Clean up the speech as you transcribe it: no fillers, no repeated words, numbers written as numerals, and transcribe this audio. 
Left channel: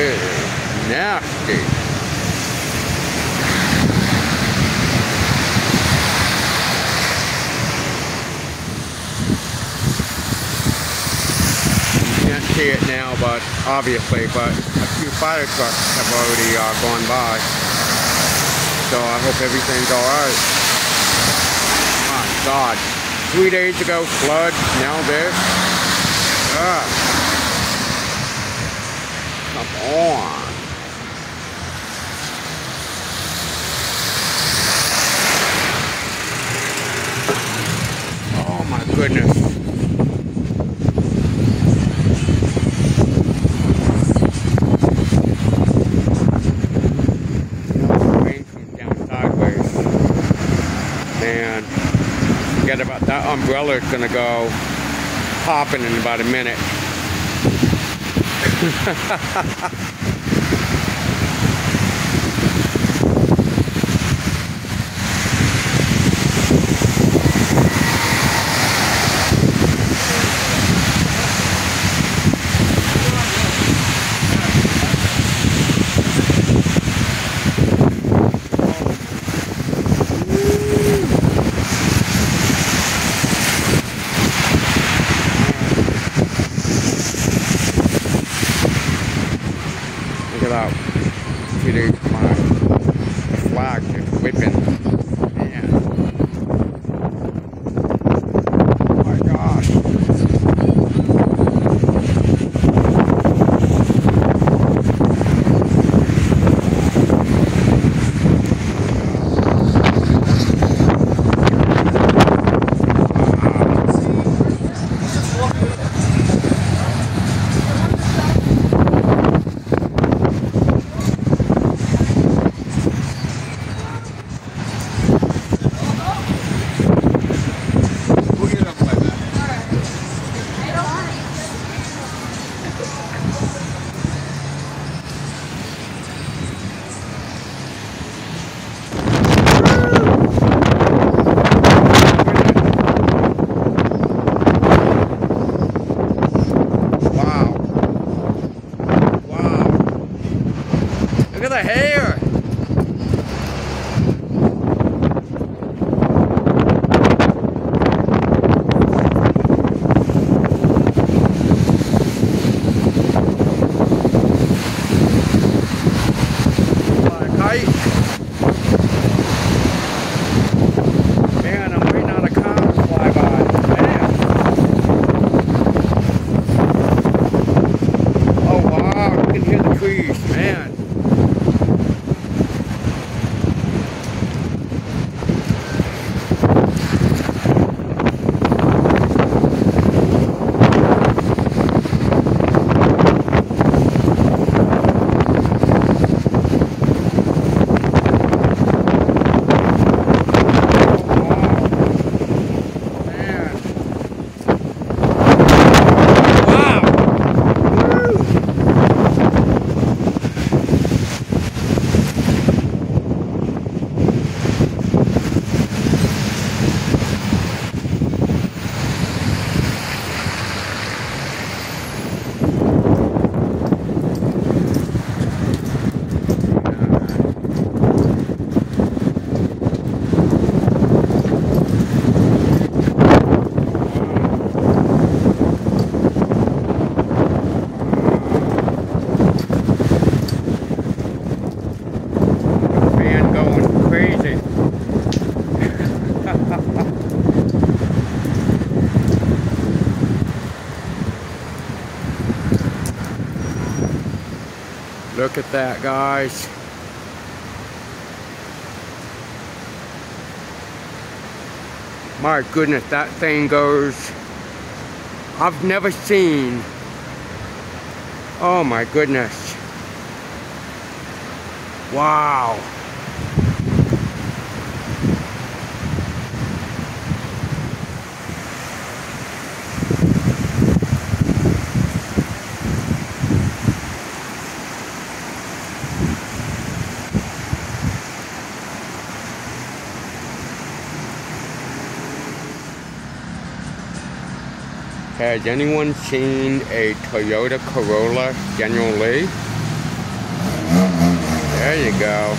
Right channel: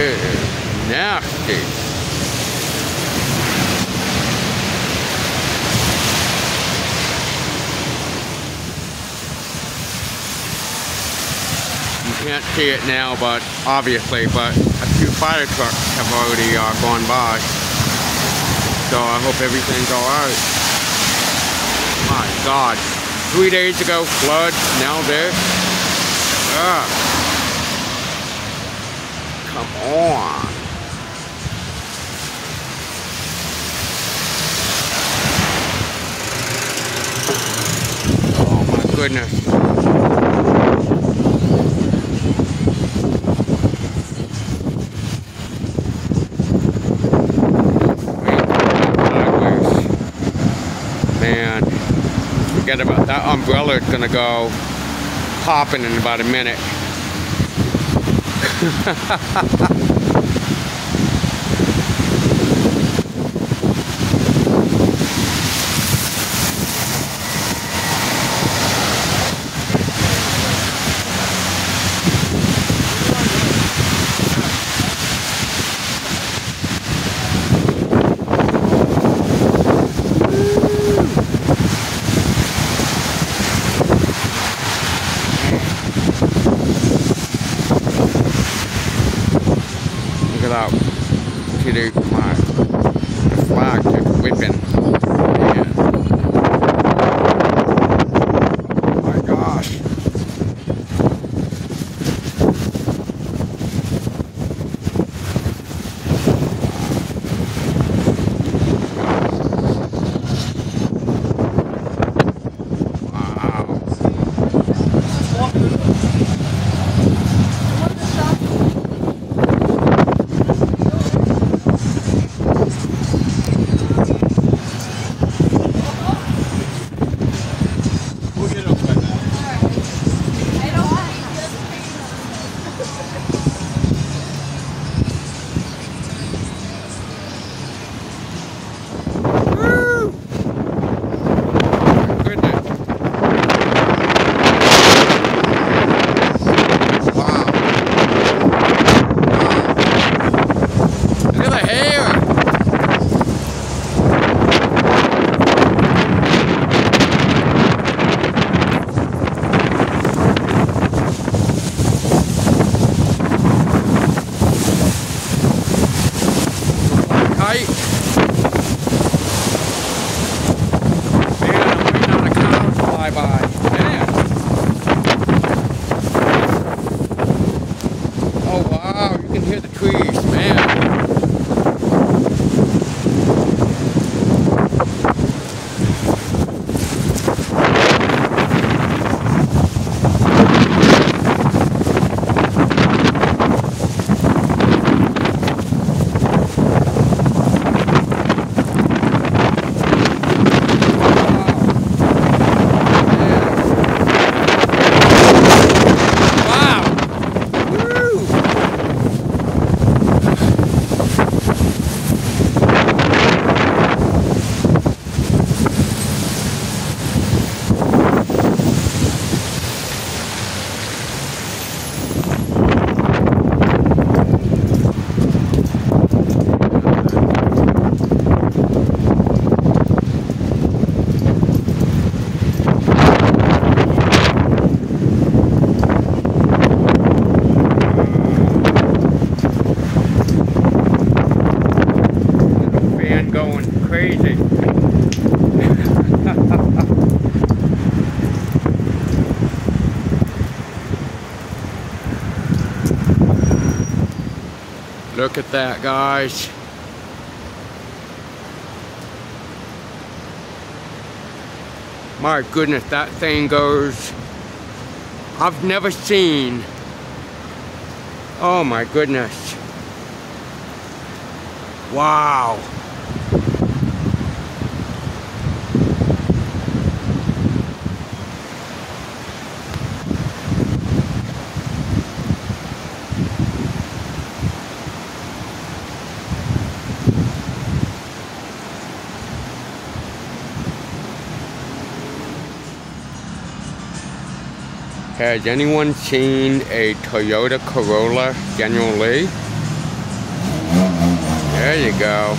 It is nasty. You can't see it now, but obviously, but a few fire trucks have already gone by. So I hope everything's alright. My God. 3 days ago, flood, now this. Ugh. Come on. Oh my goodness. Man, forget about that umbrella. It's gonna go popping in about a minute. Look at that. See the flag just whipping. Man. Oh my gosh. Man, I'm waiting on a car to fly by. Man. Oh wow, you can hear the trees, man. Crazy. Look at that, guys. My goodness, that thing goes. I've never seen. Oh my goodness. Wow. Has anyone seen a Toyota Corolla General Lee? There you go.